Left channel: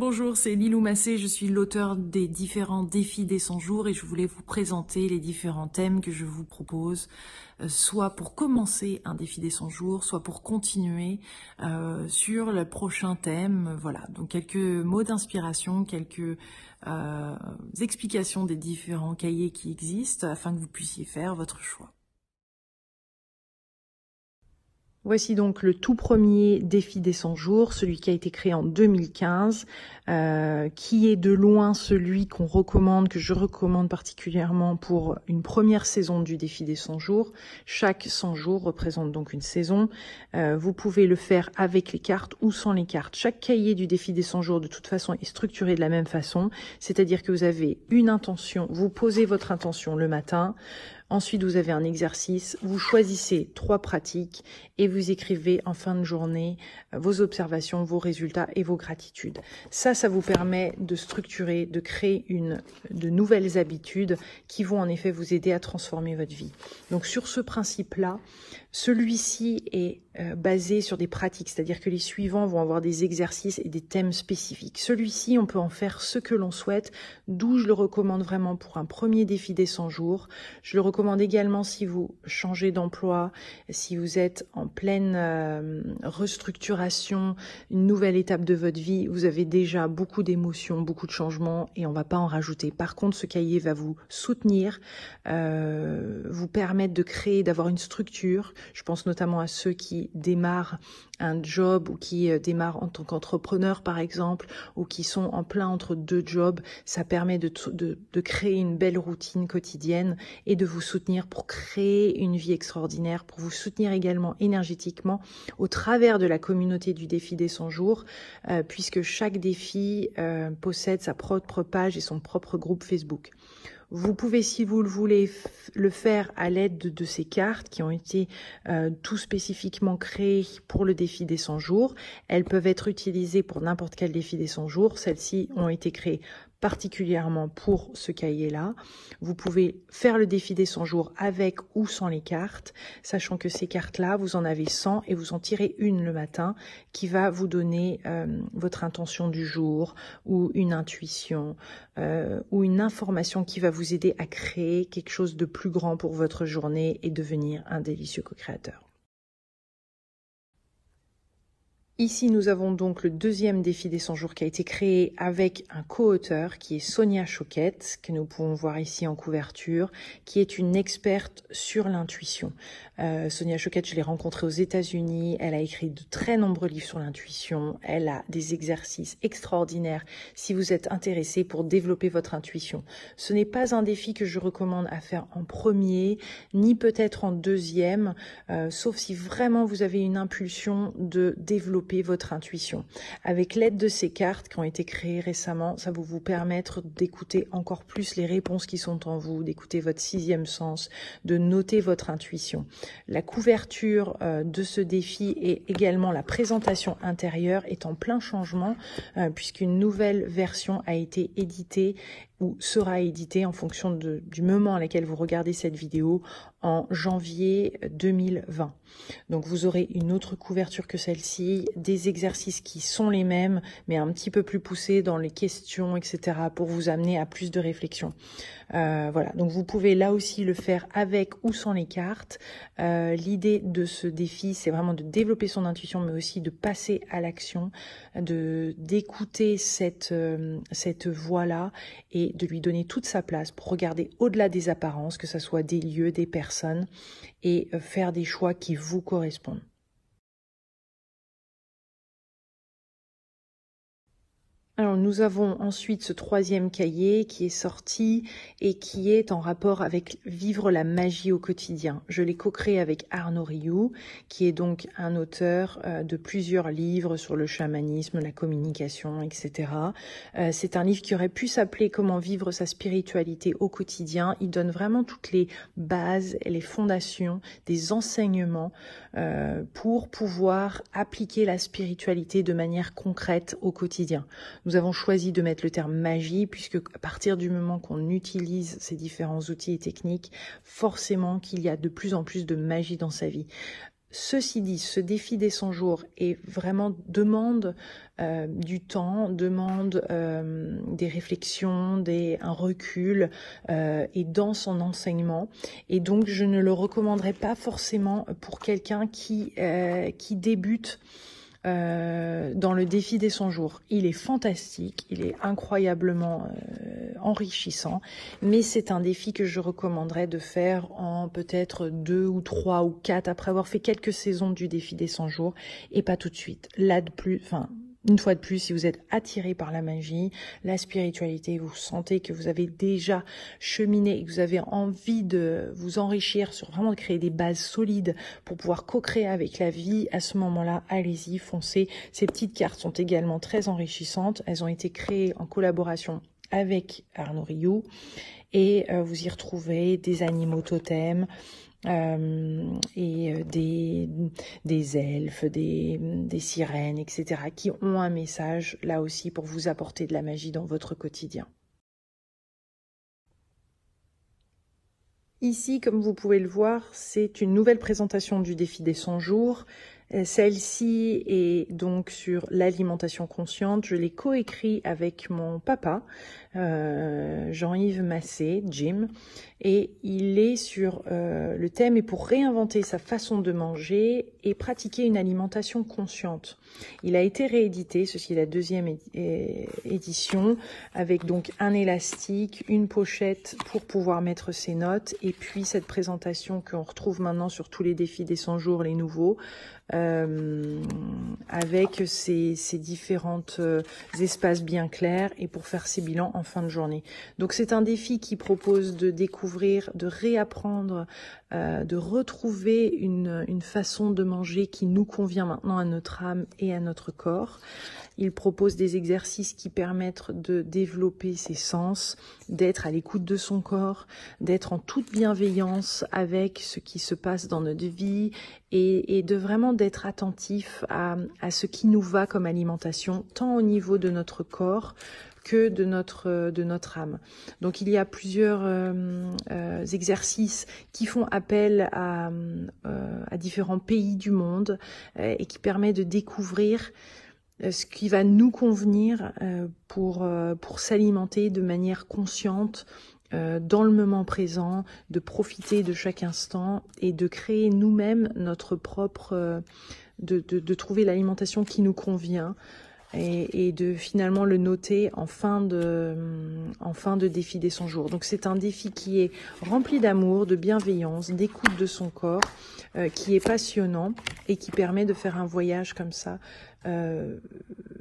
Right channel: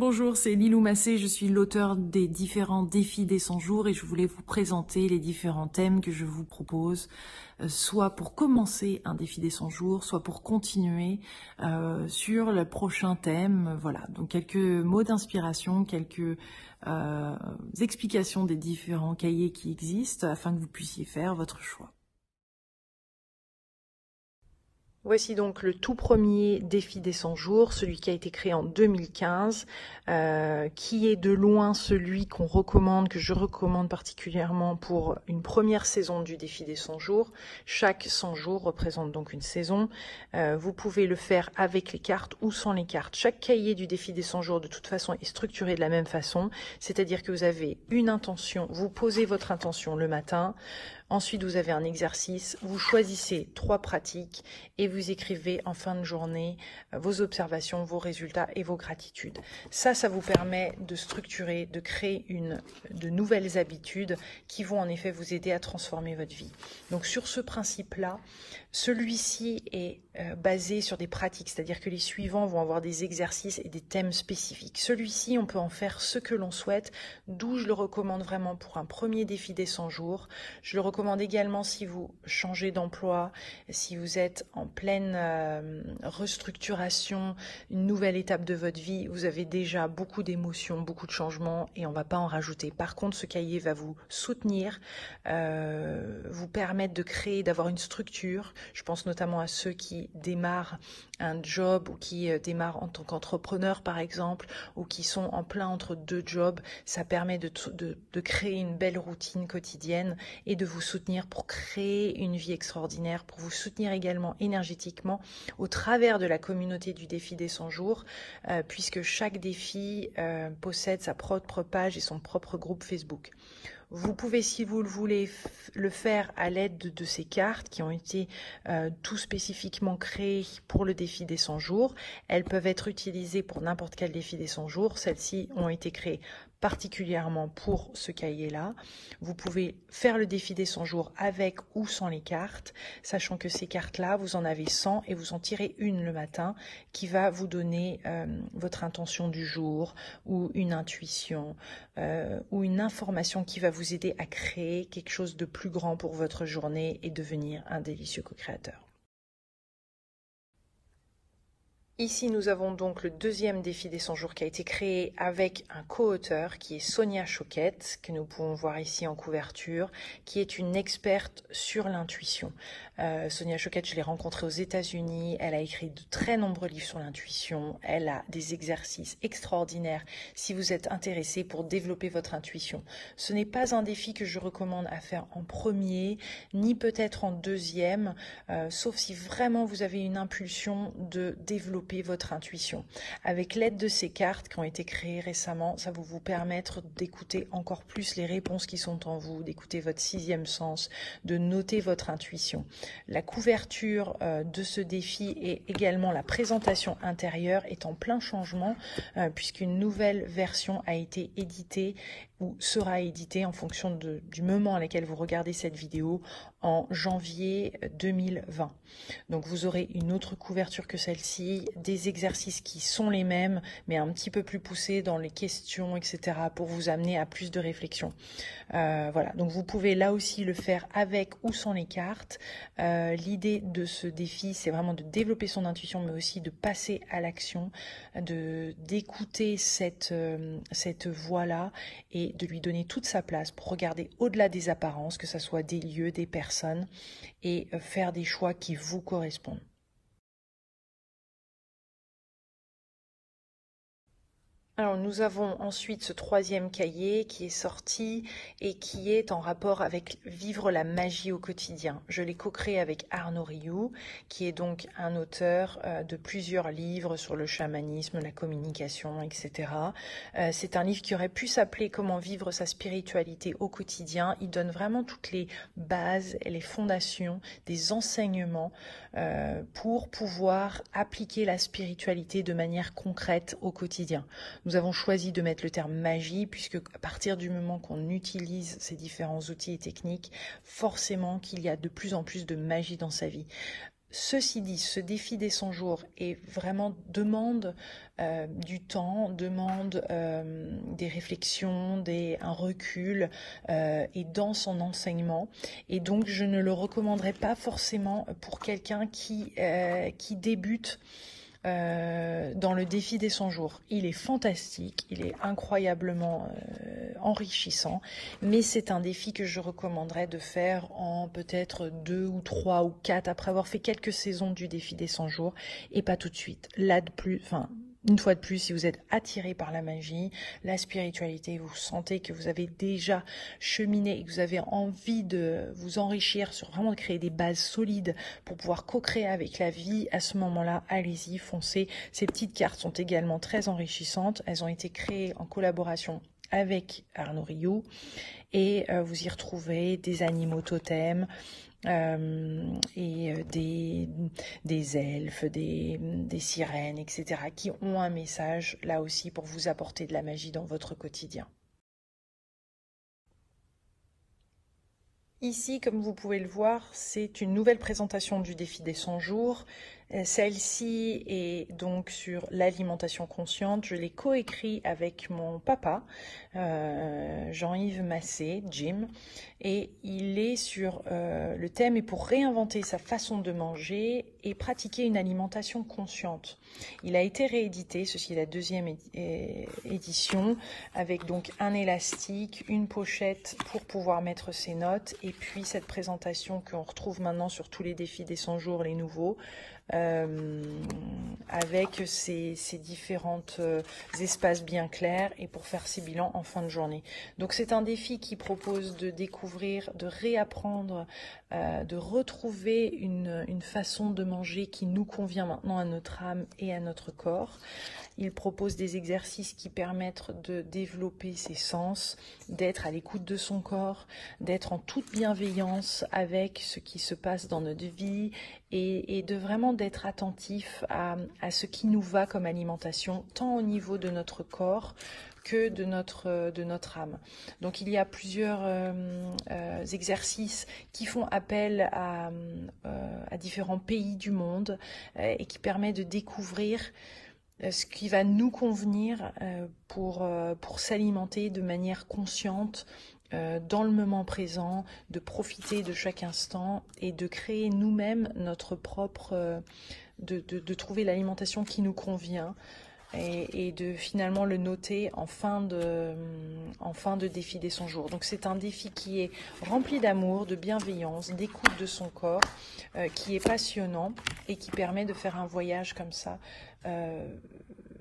Bonjour, c'est Lilou Massé, je suis l'auteur des différents défis des 100 jours et je voulais vous présenter les différents thèmes que je vous propose, soit pour commencer un défi des 100 jours, soit pour continuer sur le prochain thème. Voilà, donc quelques mots d'inspiration, quelques explications des différents cahiers qui existent afin que vous puissiez faire votre choix. Voici donc le tout premier défi des 100 jours, celui qui a été créé en 2015, qui est de loin celui qu'on recommande, que je recommande particulièrement pour une première saison du défi des 100 jours. Chaque 100 jours représente donc une saison. Vous pouvez le faire avec les cartes ou sans les cartes. Chaque cahier du défi des 100 jours de toute façon est structuré de la même façon, c'est-à-dire que vous avez une intention, vous posez votre intention le matin. Ensuite, vous avez un exercice, vous choisissez 3 pratiques et vous écrivez en fin de journée vos observations, vos résultats et vos gratitudes. Ça vous permet de structurer, de créer de nouvelles habitudes qui vont en effet vous aider à transformer votre vie. Donc sur ce principe-là, celui-ci est basé sur des pratiques, c'est-à-dire que les suivants vont avoir des exercices et des thèmes spécifiques. Celui-ci, on peut en faire ce que l'on souhaite, d'où je le recommande vraiment pour un premier défi des 100 jours. Je le recommande également si vous changez d'emploi, si vous êtes en pleine restructuration, une nouvelle étape de votre vie, vous avez déjà beaucoup d'émotions, beaucoup de changements et on ne va pas en rajouter. Par contre, ce cahier va vous soutenir, vous permettre de créer, d'avoir une structure. Je pense notamment à ceux qui démarrent un job ou qui démarrent en tant qu'entrepreneur par exemple, ou qui sont en plein entre 2 jobs. Ça permet de créer une belle routine quotidienne et de vous soutenir pour créer une vie extraordinaire, pour vous soutenir également énergétiquement au travers de la communauté du défi des 100 jours, puisque chaque défi possède sa propre page et son propre groupe Facebook. Vous pouvez, si vous le voulez, le faire à l'aide de ces cartes qui ont été tout spécifiquement créées pour le défi des 100 jours. Elles peuvent être utilisées pour n'importe quel défi des 100 jours. Celles-ci ont été créées particulièrement pour ce cahier-là. Vous pouvez faire le défi des 100 jours avec ou sans les cartes, sachant que ces cartes-là, vous en avez 100 et vous en tirez une le matin qui va vous donner votre intention du jour ou une intuition ou une information qui va vous aider à créer quelque chose de plus grand pour votre journée et devenir un délicieux co-créateur. Ici, nous avons donc le deuxième défi des 100 jours qui a été créé avec un co-auteur qui est Sonia Choquette, que nous pouvons voir ici en couverture, qui est une experte sur l'intuition. Sonia Choquette, je l'ai rencontrée aux États-Unis. Elle a écrit de très nombreux livres sur l'intuition. Elle a des exercices extraordinaires si vous êtes intéressé pour développer votre intuition. Ce n'est pas un défi que je recommande à faire en premier, ni peut-être en deuxième, sauf si vraiment vous avez une impulsion de développer votre intuition. Avec l'aide de ces cartes qui ont été créées récemment, ça va vous permettre d'écouter encore plus les réponses qui sont en vous, d'écouter votre 6e sens, de noter votre intuition. La couverture de ce défi et également la présentation intérieure est en plein changement puisqu'une nouvelle version a été éditée ou sera éditée en fonction du moment à laquelle vous regardez cette vidéo en janvier 2020. Donc vous aurez une autre couverture que celle-ci, des exercices qui sont les mêmes mais un petit peu plus poussés dans les questions, etc. pour vous amener à plus de réflexion. Voilà, donc vous pouvez là aussi le faire avec ou sans les cartes. L'idée de ce défi, c'est vraiment de développer son intuition, mais aussi de passer à l'action, d'écouter cette voix-là et de lui donner toute sa place pour regarder au-delà des apparences, que ce soit des lieux, des personnes, et faire des choix qui vous correspondent. Alors nous avons ensuite ce 3e cahier qui est sorti et qui est en rapport avec vivre la magie au quotidien. Je l'ai co-créé avec Arnaud Rioux, qui est donc un auteur de plusieurs livres sur le chamanisme, la communication, etc. C'est un livre qui aurait pu s'appeler Comment vivre sa spiritualité au quotidien. Il donne vraiment toutes les bases et les fondations des enseignements pour pouvoir appliquer la spiritualité de manière concrète au quotidien. Nous avons choisi de mettre le terme magie puisque à partir du moment qu'on utilise ces différents outils et techniques, forcément qu'il y a de plus en plus de magie dans sa vie. Ceci dit, ce défi des 100 jours demande du temps, demande des réflexions, un recul et dans son enseignement. Et donc, je ne le recommanderais pas forcément pour quelqu'un qui débute dans le défi des 100 jours. Il est fantastique, il est incroyablement enrichissant, mais c'est un défi que je recommanderais de faire en peut-être 2 ou 3 ou 4 après avoir fait quelques saisons du défi des 100 jours et pas tout de suite. Une fois de plus, si vous êtes attiré par la magie, la spiritualité, vous sentez que vous avez déjà cheminé et que vous avez envie de vous enrichir sur vraiment de créer des bases solides pour pouvoir co-créer avec la vie, à ce moment-là, allez-y, foncez. Ces petites cartes sont également très enrichissantes. Elles ont été créées en collaboration avec Arnaud Rioux et vous y retrouvez des animaux totems, et des elfes, des sirènes, etc. qui ont un message là aussi pour vous apporter de la magie dans votre quotidien. Ici, comme vous pouvez le voir, c'est une nouvelle présentation du défi des 100 jours. Celle-ci est donc sur l'alimentation consciente. Je l'ai coécrit avec mon papa, Jean-Yves Massé, Jim, et il est sur le thème « Et pour réinventer sa façon de manger et pratiquer une alimentation consciente ». Il a été réédité, ceci est la deuxième édition, avec donc un élastique, une pochette pour pouvoir mettre ses notes, et puis cette présentation qu'on retrouve maintenant sur tous les défis des 100 jours, les nouveaux, avec ces différents espaces bien clairs et pour faire ses bilans en fin de journée. Donc c'est un défi qui propose de découvrir, de réapprendre, de retrouver une façon de manger qui nous convient maintenant à notre âme et à notre corps. Il propose des exercices qui permettent de développer ses sens, d'être à l'écoute de son corps, d'être en toute bienveillance avec ce qui se passe dans notre vie et de vraiment d'être attentif à ce qui nous va comme alimentation, tant au niveau de notre corps que de notre âme. Donc il y a plusieurs exercices qui font appel à différents pays du monde et qui permettent de découvrir ce qui va nous convenir pour s'alimenter de manière consciente, dans le moment présent, de profiter de chaque instant et de créer nous-mêmes notre propre, de trouver l'alimentation qui nous convient et de finalement le noter en fin de défi des 100 jours. Donc c'est un défi qui est rempli d'amour, de bienveillance, d'écoute de son corps, qui est passionnant et qui permet de faire un voyage comme ça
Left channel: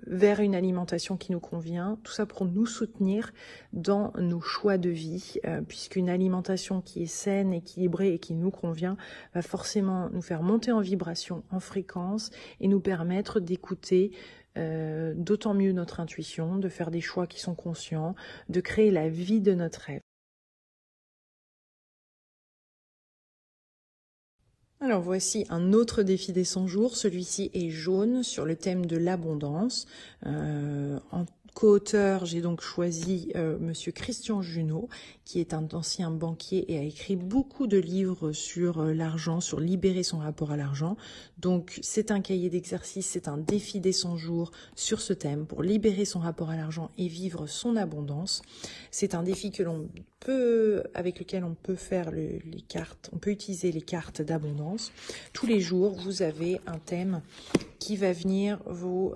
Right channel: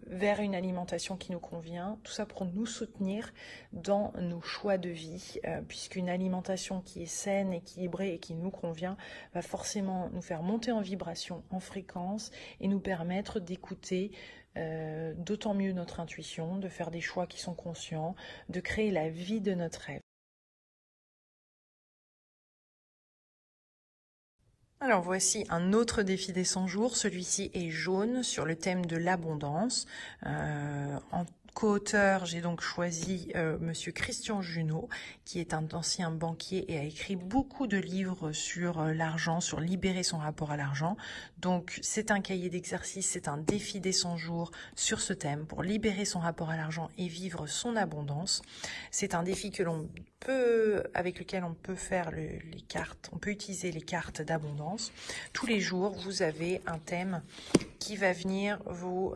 vers une alimentation qui nous convient, tout ça pour nous soutenir dans nos choix de vie, puisqu'une alimentation qui est saine, équilibrée et qui nous convient va forcément nous faire monter en vibration, en fréquence et nous permettre d'écouter d'autant mieux notre intuition, de faire des choix qui sont conscients, de créer la vie de notre rêve. Alors voici un autre défi des 100 jours, celui-ci est jaune sur le thème de l'abondance. En co-auteur, j'ai donc choisi Monsieur Christian Junot, qui est un ancien banquier et a écrit beaucoup de livres sur l'argent, sur libérer son rapport à l'argent. Donc c'est un cahier d'exercice, c'est un défi des 100 jours sur ce thème pour libérer son rapport à l'argent et vivre son abondance. C'est un défi avec lequel on peut faire les cartes, on peut utiliser les cartes d'abondance. Tous les jours, vous avez un thème qui va venir vous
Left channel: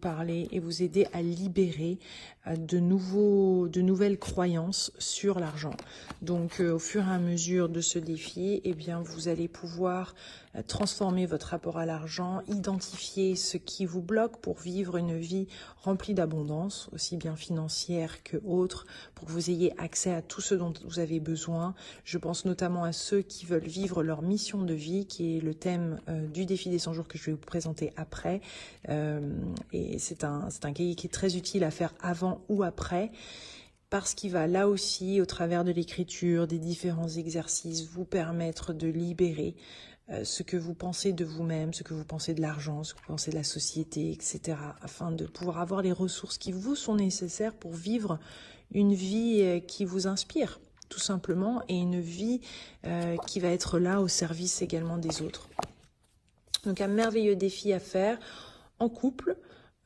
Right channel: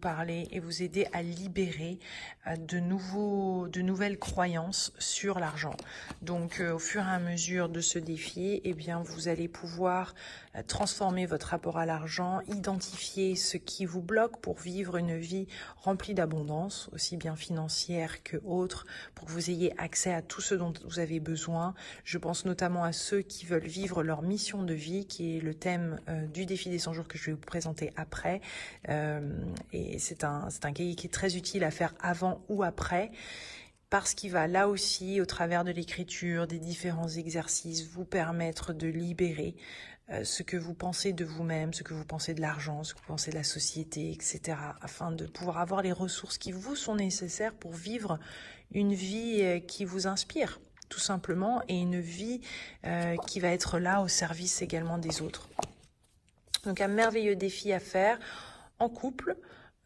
parler et vous aider à libérer de nouvelles croyances sur l'argent. Donc au fur et à mesure de ce défi, eh bien vous allez pouvoir transformer votre rapport à l'argent, identifier ce qui vous bloque pour vivre une vie remplie d'abondance, aussi bien financière que autre, pour que vous ayez accès à tout ce dont vous avez besoin. Je pense notamment à ceux qui veulent vivre leur mission de vie, qui est le thème du défi des 100 jours que je vais vous présenter après. Et c'est un cahier qui est très utile à faire avant ou après, parce qu'il va là aussi, au travers de l'écriture, des différents exercices, vous permettre de libérer ce que vous pensez de vous-même, ce que vous pensez de l'argent, ce que vous pensez de la société, etc., afin de pouvoir avoir les ressources qui vous sont nécessaires pour vivre une vie qui vous inspire, tout simplement, et une vie qui va être là au service également des autres. Donc un merveilleux défi à faire en couple,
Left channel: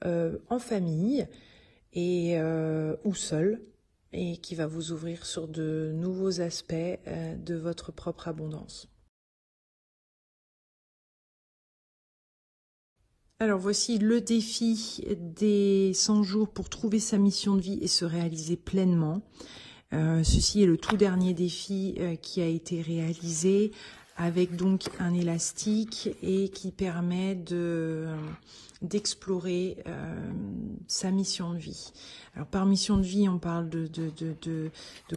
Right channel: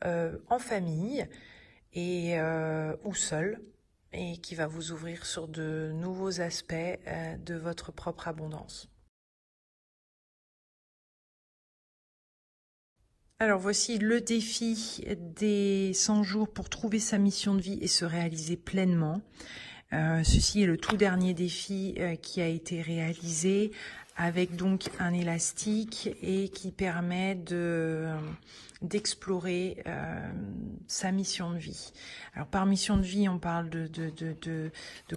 en famille et ou seul, et qui va vous ouvrir sur de nouveaux aspects de votre propre abondance. Alors voici le défi des 100 jours pour trouver sa mission de vie et se réaliser pleinement. Ceci est le tout dernier défi qui a été réalisé avec donc un élastique et qui permet d'explorer sa mission de vie. Alors par mission de vie, on parle de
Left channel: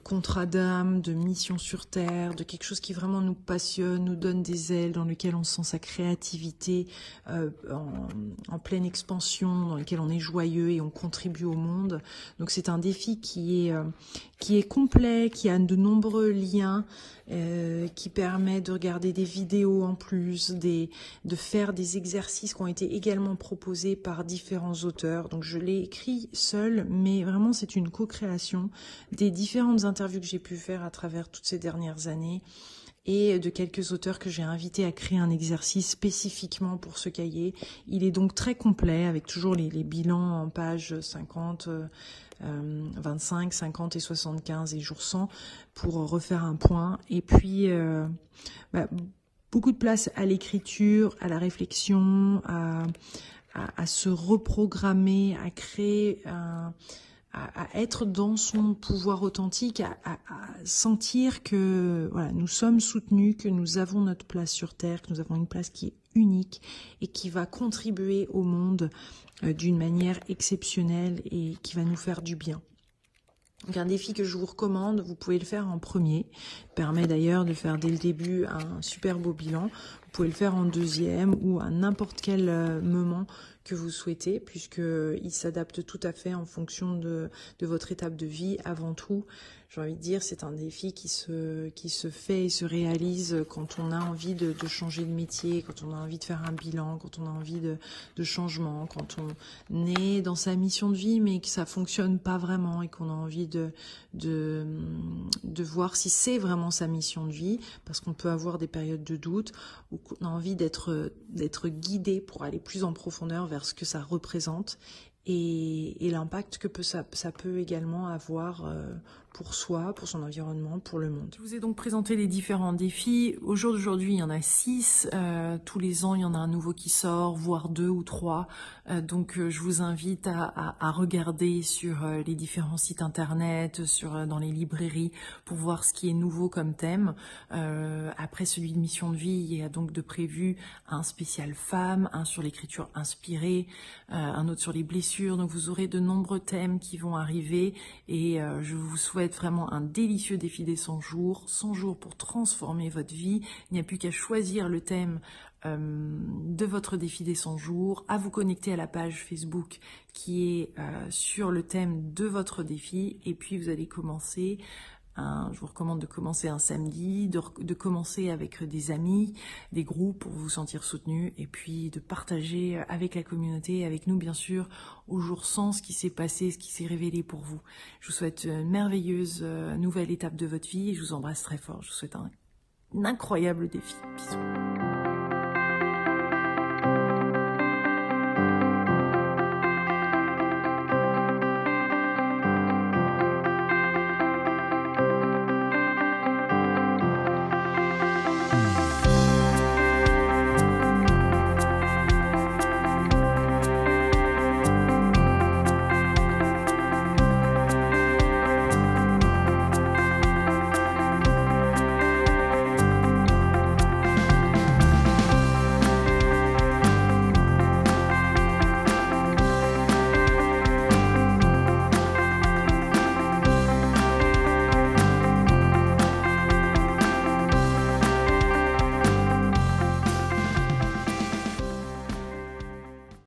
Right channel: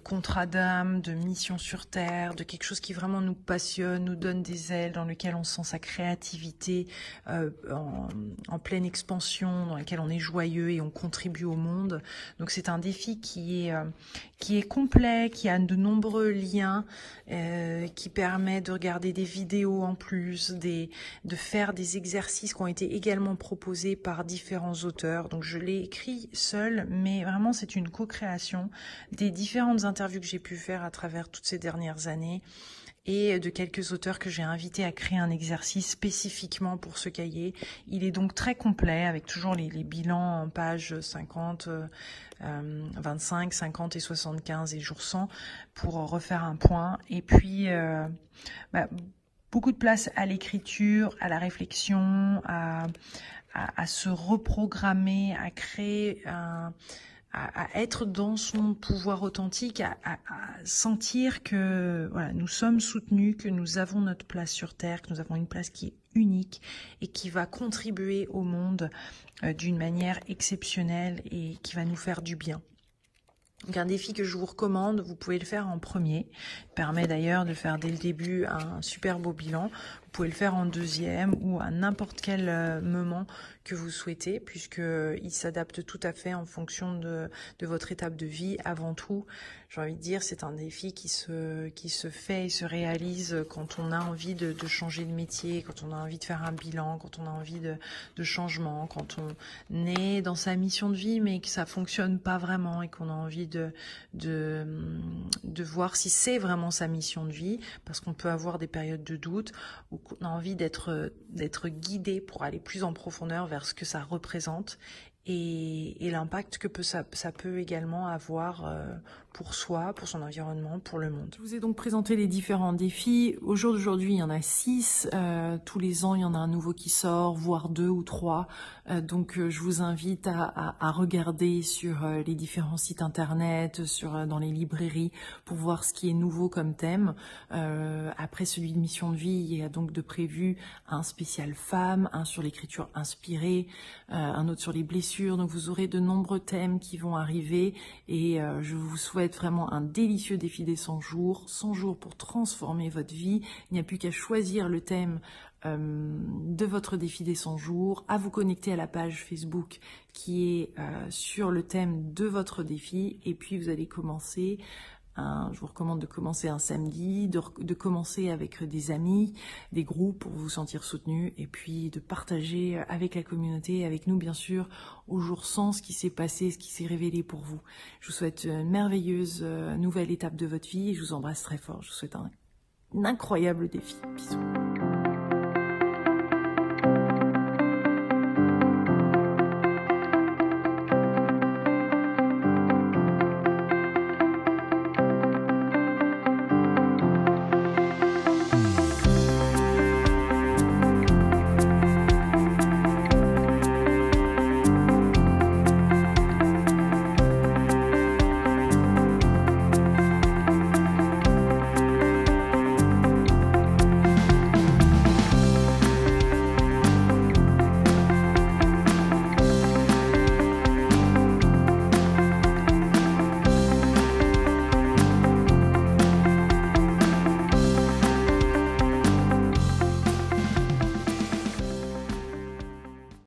contrat d'âme, de mission sur Terre, de quelque chose qui vraiment nous passionne, nous donne des ailes, dans lequel on sent sa créativité en pleine expansion, dans lequel on est joyeux et on contribue au monde. Donc c'est un défi qui est complet, qui a de nombreux liens, qui permet de regarder des vidéos en plus, de faire des exercices qui ont été également proposés par différents auteurs. Donc je l'ai écrit seule, mais vraiment c'est une co-création des différentes interviews que j'ai pu faire à travers toutes ces dernières années et de quelques auteurs que j'ai invités à créer un exercice spécifiquement pour ce cahier. Il est donc très complet avec toujours les bilans en pages 50, 25, 50 et 75 et jour 100 pour refaire un point. Et puis, beaucoup de place à l'écriture, à la réflexion, à se reprogrammer, à créer à être dans son pouvoir authentique, à sentir que voilà, nous sommes soutenus, que nous avons notre place sur Terre, que nous avons une place qui est unique et qui va contribuer au monde d'une manière exceptionnelle et qui va nous faire du bien. Donc un défi que je vous recommande, vous pouvez le faire en premier, il permet d'ailleurs de faire dès le début un super beau bilan. Vous pouvez le faire en deuxième ou à n'importe quel moment que vous souhaitez, puisqu'il s'adapte tout à fait en fonction de votre étape de vie. Avant tout, j'ai envie de dire, c'est un défi qui se fait et se réalise quand on a envie de changer de métier, quand on a envie de faire un bilan, quand on a envie de changement, quand on est dans sa mission de vie mais que ça fonctionne pas vraiment et qu'on a envie de voir si c'est vraiment sa mission de vie, parce qu'on peut avoir des périodes de doute ou qu'on a envie d'être guidé pour aller plus en profondeur vers ce que ça représente et l'impact que ça peut également avoir pour soi, pour son environnement, pour le monde. Je vous ai donc présenté les différents défis. Au jour d'aujourd'hui, il y en a 6. Tous les ans, il y en a un nouveau qui sort, voire 2 ou 3. Donc je vous invite à regarder sur les différents sites internet, dans les librairies, pour voir ce qui est nouveau comme thème. Après celui de mission de vie, il y a donc de prévu un spécial femme, un sur l'écriture inspirée, un autre sur les blessures. Donc vous aurez de nombreux thèmes qui vont arriver et je vous souhaite vraiment un délicieux défi des 100 jours. 100 jours pour transformer votre vie. Il n'y a plus qu'à choisir le thème de votre défi des 100 jours, à vous connecter à la page Facebook qui est sur le thème de votre défi, et puis vous allez commencer, je vous recommande de commencer un samedi, de commencer avec des amis, des groupes pour vous sentir soutenu, et puis de partager avec la communauté, avec nous bien sûr, au jour 100 ce qui s'est passé, ce qui s'est révélé pour vous. Je vous souhaite une merveilleuse nouvelle étape de votre vie et je vous embrasse très fort. Je vous souhaite un incroyable défi. Bisous.